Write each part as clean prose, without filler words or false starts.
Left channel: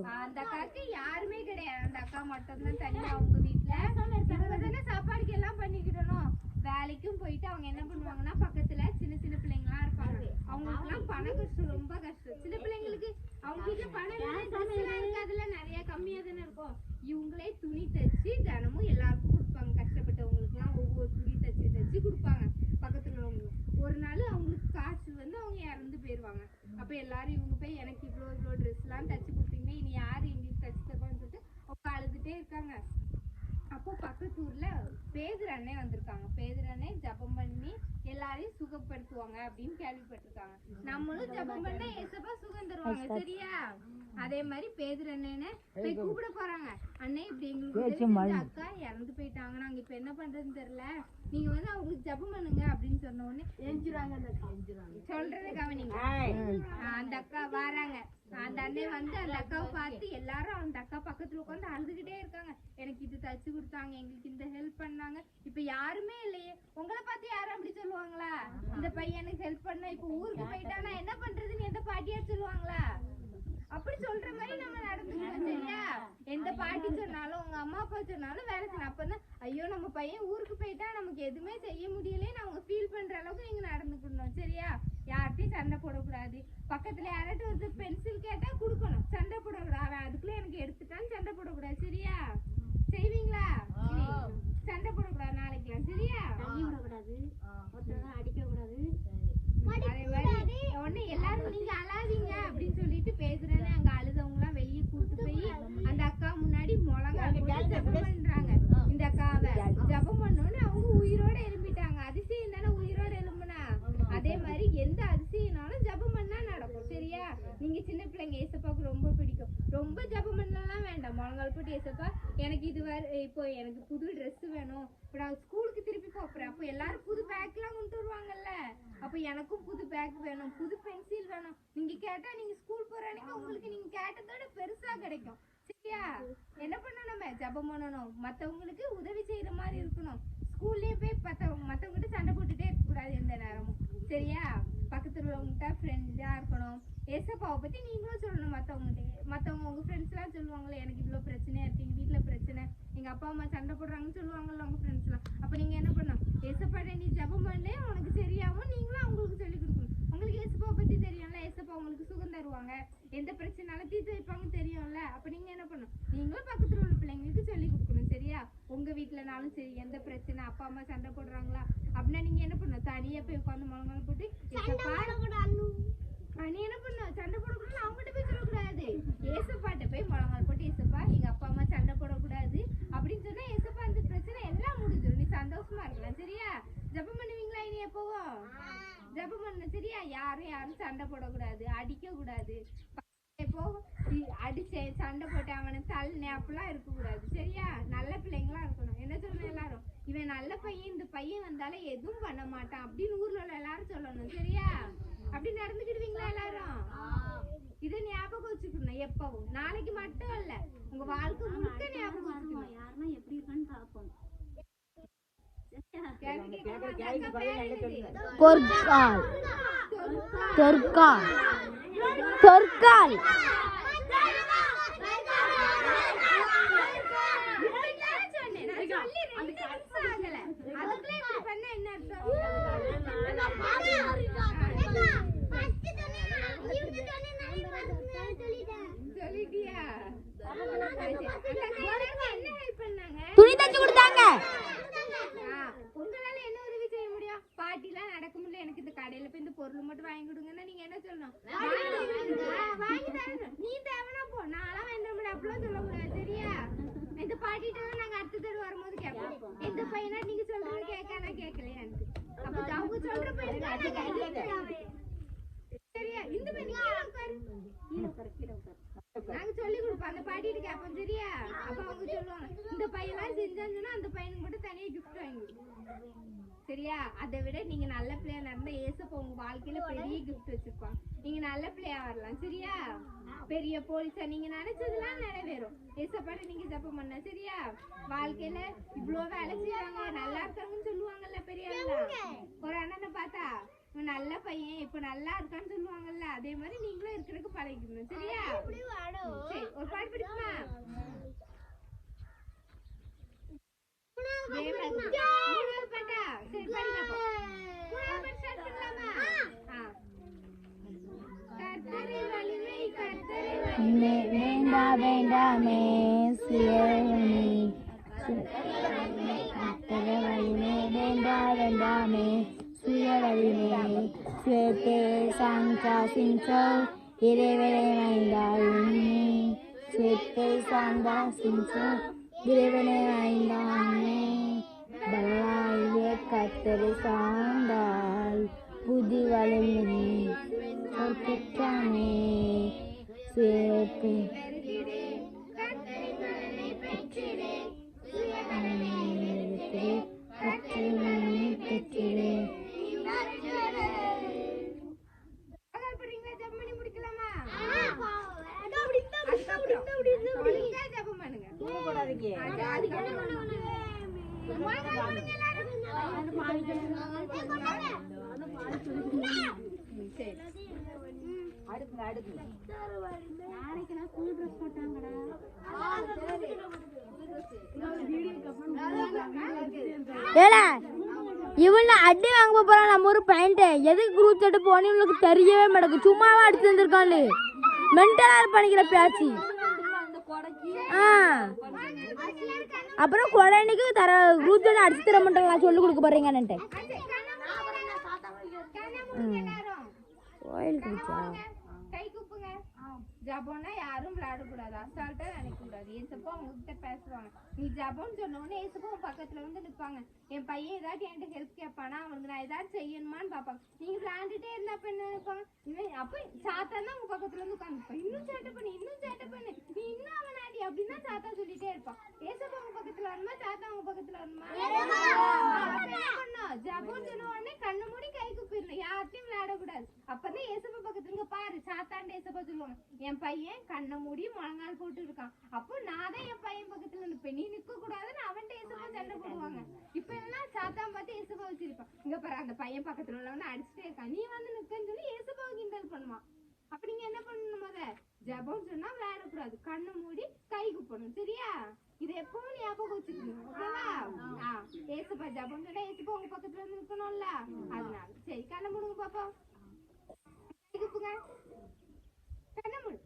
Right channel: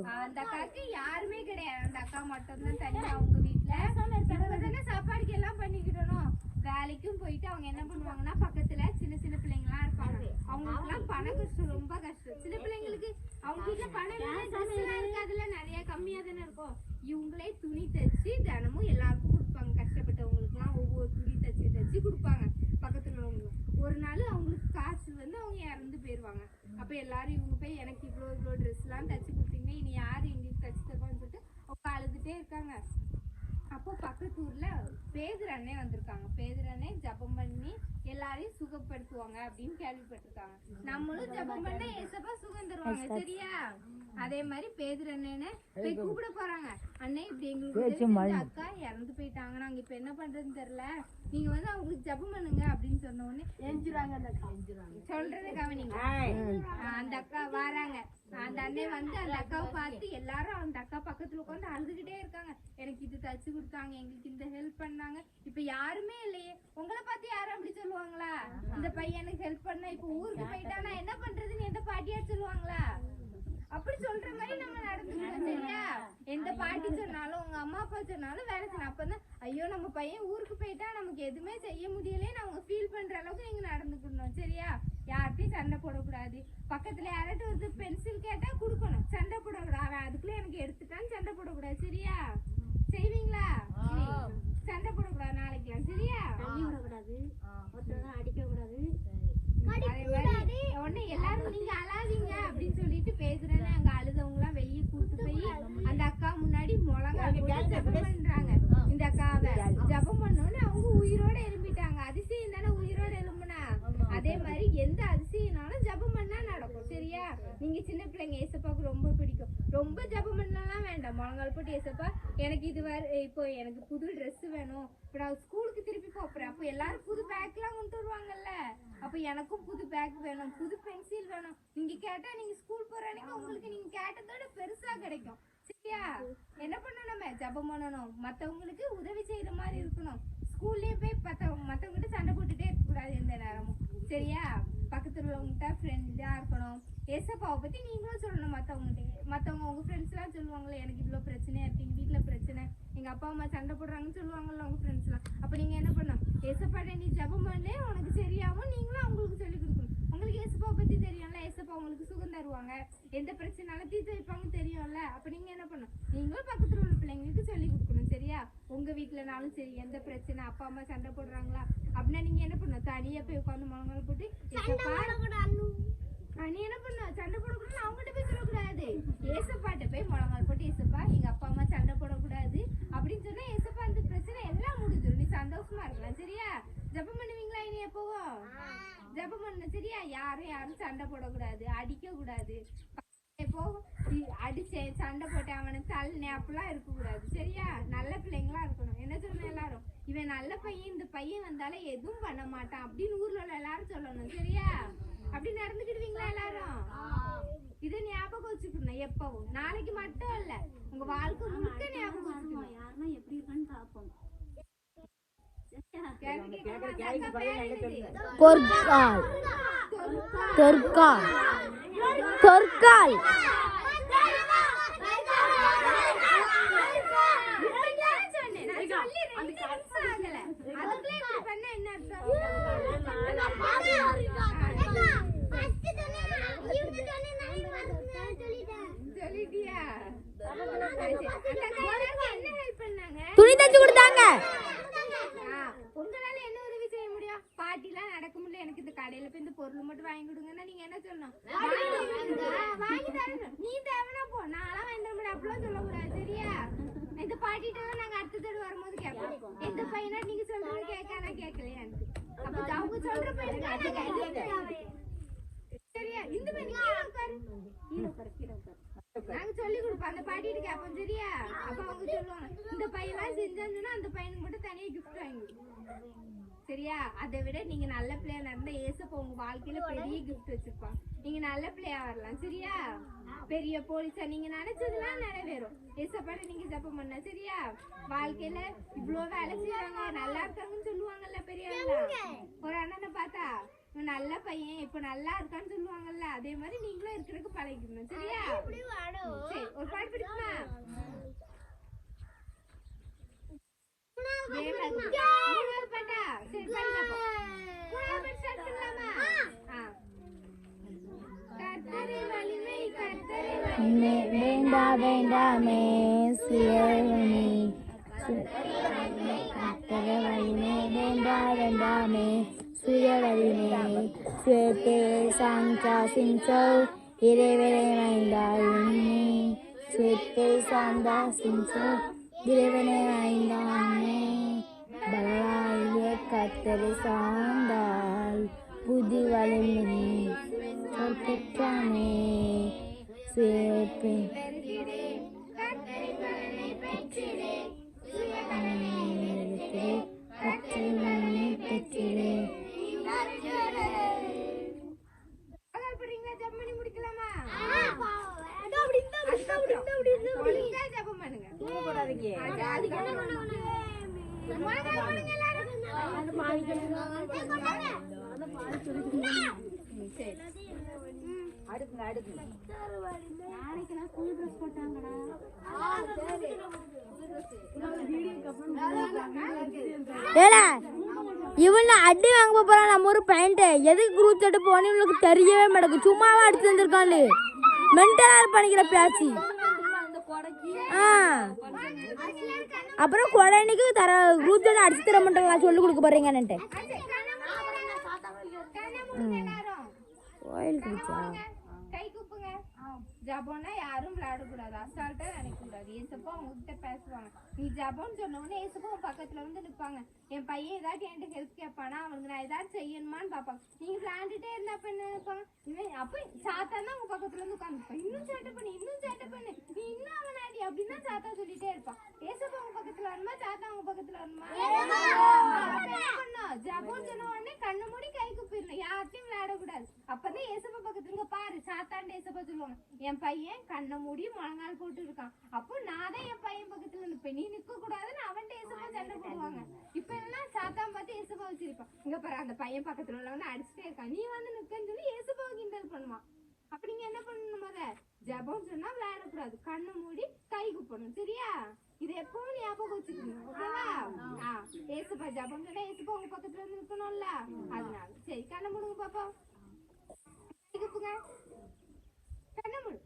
இருக்கட்டும். அந்த அக்காவுக்கு யாருமே கிடையாது, அந்த அக்கா மட்டும் தான் தனியா அவங்க வீட்டுல தானே சாப்பாடுக்கு எல்லாம் பண்ணிக்கிடணும். வேலைக்கும் போயிட்டு அவங்க என்ன பண்ணுவாங்கன்னா பக்கத்துல சின்ன சின்ன பிள்ளைங்க எல்லாம் இருப்பாங்க, அவங்களுக்கு எல்லாம் பண கஷ்டம், ரொம்ப கஷ்டம். சின்ன பிள்ளைங்களுக்கு அவங்க வீட்டுல பணம் இருக்காதுல, நிறைய கம்மியா தானே இருக்கும். இவங்களே துணி தைச்சு தினமும் எல்லாருக்கும் கொடுப்பாங்க, கஷ்டப்பட்டவங்களுக்கு எல்லாம் ஒவ்வொரு துணி தைச்சு தைச்சு கொடுப்பாங்க பக்கத்துல உள்ளவங்க. ஒரு நாள் அவங்களுக்கு காசு வந்து அவங்க இறந்து போயிருவாங்க. அப்ப எல்லாரும் இவங்க போய் எனக்கு இவ்வளோ ட்ரெஸ் எல்லாம் தைச்சு கொடுத்தீங்க, இனி யாரு எங்களுக்கு தைச்சு தப்பான்னு சொல்லிட்டு அவங்க அழுதுட்டே இருக்காங்க. அப்போ பக்கத்து ஊர்ல பேதுரு அண்ணே வந்திருக்காங்க. பேதுரு அண்ணே ஜபம் பண்ணி எல்லாரையும் சுகப்படுத்துவாங்க அப்படின்னு கேள்விப்பட்டிருக்காங்க. நம்மளும் ஜபம் பண்ணா ஏசப்பா சுகம் தருவாங்க, சரியா? அதே மாதிரி பேதுரு அண்ணனை கூப்பிட போறாங்க. அண்ணே இப்படி எங்களுக்கு அக்கா இறந்து போயிட்டாங்க, நாங்க இப்ப என்ன பண்றதுன்னு தெரியல, நீங்க வந்து அவங்களுக்கு ஜபம் பண்ணுங்க அப்படின்னு சொன்ன உடனே எஞ்சிருவாங்க. அந்த அக்கா சொல்றது கவனிங்க. அந்த அக்கா வராங்க. அந்த அண்ணே வந்து அந்த அக்காவை பார்த்து எல்லாரும் அந்த அக்கா பக்கத்துல உட்காந்து அழுதுகிட்டே இருக்காங்க. எனக்கு இது தச்சு கொடுத்தாங்க, எங்களுக்கு இந்த ஹெல்ப் பண்ணாங்க, இப்ப யாருமே இல்லையே, உங்களை பார்த்து யாரும் அப்படி சொல்லுவாங்களா? இந்த பையனுக்கு ஹெல்ப் பண்ணா இப்ப ஊருக்கு போயிட்டா நான் என்ன பண்றதுன்னு எந்த பாட்டியார் சொல்லுவாங்களா? அப்படி சொல்ற மாதிரி நம்ம நடந்துக்கணும், சரியா? எந்த பாட்டி சொன்னாலும் உங்க அம்மா அப்பா சொன்னாலும் வேலை செய்யணும். அப்பதான் ஐயோ நம்ம பையன் ஊருக்கு போயிட்டா நமக்கு எதுவுமே செய்ய முடியலன்னு அவங்க ஃபீல் பண்ற அளவுக்கு நீங்க நடந்துக்கணும், சரியா? யார்கிட்டையும் சண்டை போடக்கூடாது. பக்கத்துல யார்கிட்ட வந்து பென்சில் கேட்டா கொடுக்கணும், சண்டை போடக்கூடாது. அவன் அதுக்குள்ள எனக்கு எடுத்துட்டான்னு சண்டை போடக்கூடாது, சரியா? செய்வீங்களா? சண்டை போடக்கூடாது நாளைக்குலாம், சரியா? அடிக்க கூடாது. அதே மாதிரி உடனே எல்லாரும் நீங்க அழாதீங்க அப்படின்னு சொல்லிட்டு பேசுறேன்னு அங்க அழுதவங்க எல்லாம் வெளியே கூட்டு போய் அந்த அக்கா முன்னாடி மிளகா போட்டு ஜபம் பண்றாங்க. இந்த அக்காவை ஜபம் பண்ணோன்னு அவங்க உயிரோட எழும்பிட்டாங்க. அதிசயம் தானே உயிரோட எழும்புனா. அதே மாதிரி எந்த அதிசயம்னாலும் ஜபம் பண்ணா நடக்கும், சரியா? நீங்க சின்ன பிள்ளைங்க, ஏசப்பாவுக்கு ரொம்ப பிடிக்கும், ரொம்ப ஜபம் பண்ணலாம் வேண்டாம். முழங்கால் போட்டு ஏசப்பா எனக்கு இது இப்போ எனக்கு புது ட்ரெஸ் வேணும், இப்போ நான் ஸ்கூலுக்கு திருப்பி போறேன், அப்போ எல்லாரும் புது பேக் எல்லாம் கொண்டு வருவாங்கல்ல, அப்ப எனக்கும் புது பேக் வேணும், புது பென்சில் வேணும். நீங்க கேட்டா நீங்க ஸ்கூல் போற அன்னைக்கு உங்களுக்கு நீங்க கேட்டதோட பெருசா கிடைக்கும், சரியா? என்ன பண்ணணும்? ஜபம் பண்ணணும், மத்தவங்களுக்கு உதவி செய்யற மாதிரி இருக்கணும். ஸ்கூல்லயே போய் மத்தவங்கிட்ட சண்டை போட்டுட்டே இருக்க கூடாது எந்த நேரமும், சரியா? பக்கத்துல உள்ளவங்கிட்ட ஃப்ரெண்டா இருக்கணும். ஏசப்பாவை பத்தி நீங்களும் சொல்லணும் மத்தவங்க உங்க ஃப்ரெண்ட்ஸ் எல்லாம் சொல்லுவாங்கல்ல, எனக்கு இவ்வளவு பிரச்சனையா இருக்கு, எங்க வீட்டுல பிரச்சனை, எங்க அப்பா அம்மா சண்டை போடுறாங்கன்னு சொல்லுவாங்கல்ல உங்க ஃப்ரெண்ட்ஸ் எல்லாம். அப்ப நீங்க என்ன பண்ணணும்? ஏசப்பாட்ட நீ ஜபம் பண்ணே உனக்கு சரியாகும், நீங்களும் அவங்களுக்கு சொல்லி கொடுக்கணும். உங்களுக்கு ஏசப்பாவை பத்தி தெரியும்ல, ஏசப்பா உங்களுக்கு சுகம் தருவாங்க, எந்த பிரச்சனைனாலும் தீர்த்து வைப்பாங்க தெரியும்ல. அப்ப நீங்க என்ன பண்ணணும்? நீங்களும் பக்கத்துல உள்ள பிள்ளைங்களுக்கு சொல்லி கொடுக்கணும், சரியா? உங்க வீட்டுலனாலும் சரி, எந்த பிரச்சனை, அப்பா அம்மா சண்டை போடுறாங்களா அப்படின்னா நீங்க என்ன பண்ணணும்? தனியா போய் உட்காந்து முழங்கால் போட்டு நீ என்ன பண்ணணும்? சண்டை போடக்கூடாது, அவங்ககிட்ட போய் சொல்லக்கூடாது, ஏசப்பாட்ட போய் முழங்கால் போட்டு ஏசப்பா எங்க அப்பா அம்மா சண்டை போடக்கூடாது அப்படின்னு சொன்னா ஏசப்பா அந்த பிரச்சனை எல்லாம் முடிஞ்சிடும், நீ சந்தோஷமா இருக்கலாம், சரியா? ஜபம் பண்ணுவீங்களா இனி எப்பவும்? ஜபம் பண்ணணும், சரியா? யாரும் சண்டை போடக்கூடாது, அடிக்க கூடாது, இப்போ அடிச்சேன் சண்டை போட்டேன் அவனுக்கு தள்ளி அப்படிலாம் இருக்கக்கூடாது, சரியா? நல்ல பிள்ளைங்களா இருக்கணும். என்ன சொல்லணும் எல்லாரும்? இவன் நல்ல பையன், இந்த பையன் வந்தாலும் எதுவும் பண்ண மாட்டான் அப்படின்னு ஊர்ல உள்ள எல்லாரும் சொல்லணும், சரியா? அப்படி நடந்துக்கிடுவீங்களா எல்லாரும்? இதை ஞாபகம் வச்சுக்கணும் எப்பவும், நாளைக்கு மட்டும் இல்ல, உங்க வாழ்க்கை முழுக்க ஞாபகம் வச்சுக்கணும். யாருன்னா எப்படி இருக்கான்னு பாப்போம். துணி தச்சு கொடுத்தாங்க. உங்களால என்ன உதவி செய்ய முடியும்? பாட்டிலாம் நடக்க முடியல, எனக்கு இந்த கடையில போய் இந்த பொருள் மட்டும் வாங்கி கொடுங்கன்னா நீங்க என்ன சொல்லணும்? வாங்கி தரணும். நீ தேவைன்னா போ, நான்லாம் வாங்கி தர முடியும் அப்படிலாம் சொல்லக்கூடாது, சரியா? இந்த பாட்டிட்ட நாங்க அடுத்த தடவை வரும்போது கேட்போம், எந்த பையனா நீங்க சொல்றது கேட்காத கேட்கலையான்னு. அப்ப அவங்க சொல்ற பையன் சரியா? இந்த பையன் நாங்க சொல்லி கொடுப்போம், அந்த பாட்டிட்டு கேட்போம், சரியா? அப்ப அவங்க சொல்லுவாங்க இந்த பையன் செஞ்சாங்கன்னா அந்த பையனுக்கு மட்டும் தனியா கிஃப்ட் வாங்கி கொடுப்போம், சரியா? அதை விட நீங்க நல்ல பிள்ளையா நடந்த ஏசப்பா உங்க வாழ்க்கையில பெரிய கிஃப்ட் வச்சிருப்பாங்க. நீங்க நல்ல பிள்ளையா வரலாம், சரியா? பெரிய போலீஸா நீங்க நினைச்சதெல்லாம் நிறைவேறும். ஏசப்பா நீங்க ஜபம் பண்ண, சரியா? வாழ்க்கையில இவ்வளவு வேலை செய்வாங்க, நல்லா இருக்காங்கன்னு சொல்லுவாங்கல்ல பெரியவங்க. ஒரு அண்ணனை பார்த்தா நல்ல பையன் இப்ப நல்லா இருக்கான்னு சொல்லுவாங்கல்ல, அதே மாதிரி நீங்களும் இருக்கிறதுக்கு பழகிக்கணும், சரியா? சரி, ஒரு பாட்டு பிடிக்குமா? மூணாவது பாட்டா? சரி, படிங்க அப்போ. மூணாவது பாட்டு start பண்ணலாமா? கர்த்தரை வலிமை, கர்த்தரை வலிமை. வேண்டா வேண்டாமே சிவனே கர்த்தரை வலிமை வேண்டா வேண்டாமே சுயவலிமை சேத்தே சாங்கா சிங்கோ இறைவனை வைந்தாயினே சேத்தே சாங்கா சிங்கோ இறைவனை வைந்தானே பல்லாய கர்த்தரை சார்ந்தால் புதி வலிமை சொற்றானே சேப்பேன் படிங்களா? ஜெபம் பண்ணி முடிக்கலாமா? ஜெபம் பண்ணுங்க. நாளைக்கு நான் ஸ்கூல் ட்ரெஸ் போட்டாங்கடா. ஏடா இவன் அடி வாங்க போறான் நம்ம ஒரு பையன்ட்டு எதுக்கு குரூப் சட்டை போனேன்னு இவனுக்கு தெரியவே மாட்டேங்குது சும்மாவா அடிச்சு வந்திருக்கான்னு மென்டலா பண்ணிக்கிற பேச்சு அப்புறம் கொடைனுக்கு தர குரூப் சட்டை அடிச்சு தர மாட்டேங்க சொல்லி கொடுக்க போறீங்கன்னுட்டு கோயிலுக்கு கை கூப்புங்க. ஜபம்னா யாரும் விளையாடக்கூடாது, அசால்ட்டா நினைக்கக்கூடாது. ஏசப்பா உங்ககிட்ட பேசுவாங்க. நீ ஜபம்னு சொன்ன உடனே ஏசப்பா பக்கத்துல வந்து நிற்பாங்க. என் பையன் ஏதாச்சும் என்கிட்ட ஹெல்ப் கேட்பானா, அவனுக்கு நான் ஏதாச்சும் செய்யணுமான்னு பார்ப்பாங்க. நீங்க விளையாண்டுட்டே இருந்தா அப்ப என்ன நினைப்பாங்க? அப்ப சாத்தான் உங்க பக்கத்துல வந்து உட்காந்துருப்பான். இன்னும் சேட்டை பண்ணு, இன்னும் சேட்டை பண்ணு, நீ இன்னும் அவன் ஆடி அப்படின்னு தான் சாத்தா சொல்லிட்டே இருப்பான். ஏசப்பா உங்க பக்கத்துல வருமா, சாத்தா உங்க பக்கத்துல வருமா? ஜபம் சொன்ன உடனே கண்ணை மூடி கை கூப்பிடணும், யார்ட்டையும் விளையாடக்கூடாது. அப்பதான் ஏசப்பா பக்கத்துல பாரு சாத்தாண்ட ஏசப்பா சொல்லுவாங்க, என் பையன் கண்ணை மூடி முழங்கால் போட்டு இருக்கான், அப்போ நான் தான் என் பையன் பக்கத்துல இருப்பேன், நீ நிக்க கூடாதுன்னு அவன்கிட்ட ஏசப்பா சண்டை போடுவாங்க. இப்ப எல்லாம் சாத்தான் பார்த்து ஏசப்பா வச்சிருப்பான். இங்க பாரு அந்த பையன் பக்கத்துல உள்ளவன அடிச்சுட்டே இருக்கான், நீ வந்து நிக்கன்னு சொல்லி ஏசப்பா கிண்டல் பண்ணுவான். அப்படி நீ என்ன பண்ணணும்? முத ஜபம் சொன்னா விளையாடக்கூடாது, கண்ணை மூடி கை கூப்பணும். சரியா? இது எப்பவும் ஞாபகம் வச்சுக்கணும். ஓகேவா? ஏசப்பா ஜபம் சொன்னா ஏசப்பா உங்க பக்கத்துல இருந்து நிக்கணும்ல, அதனால சரி கண்ணை மூடுங்க பாப்போம். கண்ணை மூடு.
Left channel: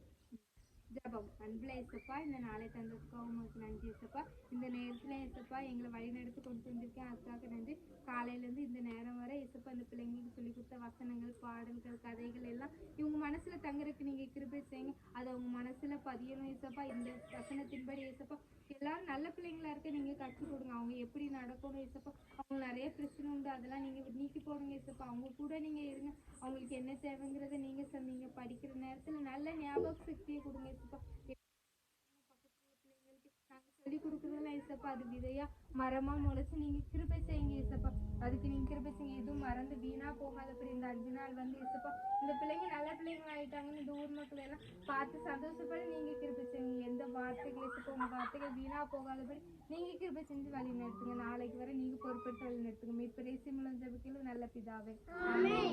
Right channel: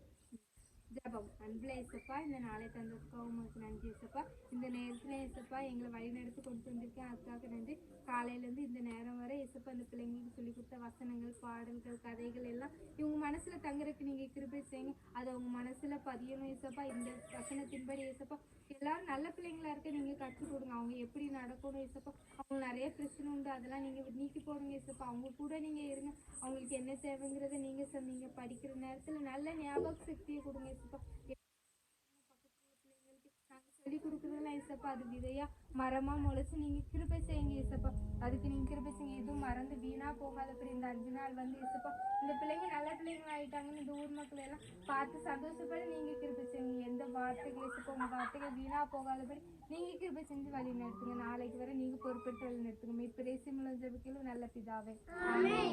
ஜபம். அன்புல ஏசப்பா, இந்த நாளை தந்ததுக்கு உங்களுக்கு நன்றி ஏசப்பா. இந்த நேரத்துல ஏசப்பா எங்களை வழி நடத்தி கொண்டு வந்திருக்கேன், அக்காவுக்கு நன்றி. காலையில இருந்து இந்த நேரம் வரை ஏசப்பா இந்த பிள்ளைங்களுக்கு சொல்லி கொடுத்த வசனங்கள், பாடல்கள், கதைகள் எல்லாம் இவங்க மனசுல தங்குறதுக்கு நீங்க கிருபை செய்யுங்க. அதை உங்க மனசுல பதியணும் ஏசப்பா. இந்த வசனத்தின்படி ஏசப்பா எல்லாரும் நல்ல பிள்ளைங்களா இருக்க நீங்க கற்றுக் கொடுங்க. அவங்க எப்படி நடக்கணும் ஏசப்பா. அவங்க நிறைய பிரச்சனை உண்டு, அதெல்லாம் நீங்க நீக்கி போடுங்க ஏசப்பா. அவங்க கூட நீங்க இருங்க. அவங்களுக்கு என்ன தேவைங்கிறத நீங்க சொன்னீங்க. படிக்கிற நேரத்துல நல்ல ஞாபக சக்தியை கொடுங்க ஏசப்பா. சொல்லி கொடுக்குறதுல ஏசப்பா அது விதையா மரமா முளைச்சு நீங்க கிருபை செய்யுங்க ஏசப்பா. அதுக்கு நீங்க கிருபை செய்யுங்க. எதுவும் மறந்து வீணா போகாதபடி இந்த 5 நாள் வந்து ஏசப்பா இந்த பிள்ளைங்க நல்ல பிள்ளைங்க ஆயிட்டாங்கன்னு இந்த ஊர் மக்கள் எல்லாம் பார்த்து சந்தோஷப்பட நீங்க கிருபை செய்யுங்க. எந்த வார்த்தைகள் ஏசப்பா உங்க வார்த்தைகள் வீணா போகாதபடி நீங்க கிருபை செஞ்சு வழி நடத்துங்க. நாளைக்கு வரை நீங்க பொறுப்பேற்று வழி நடத்துங்க. இப்ப தேசிய ஜெபிக்கலும் நல்ல பிதாவே. ஆமென்.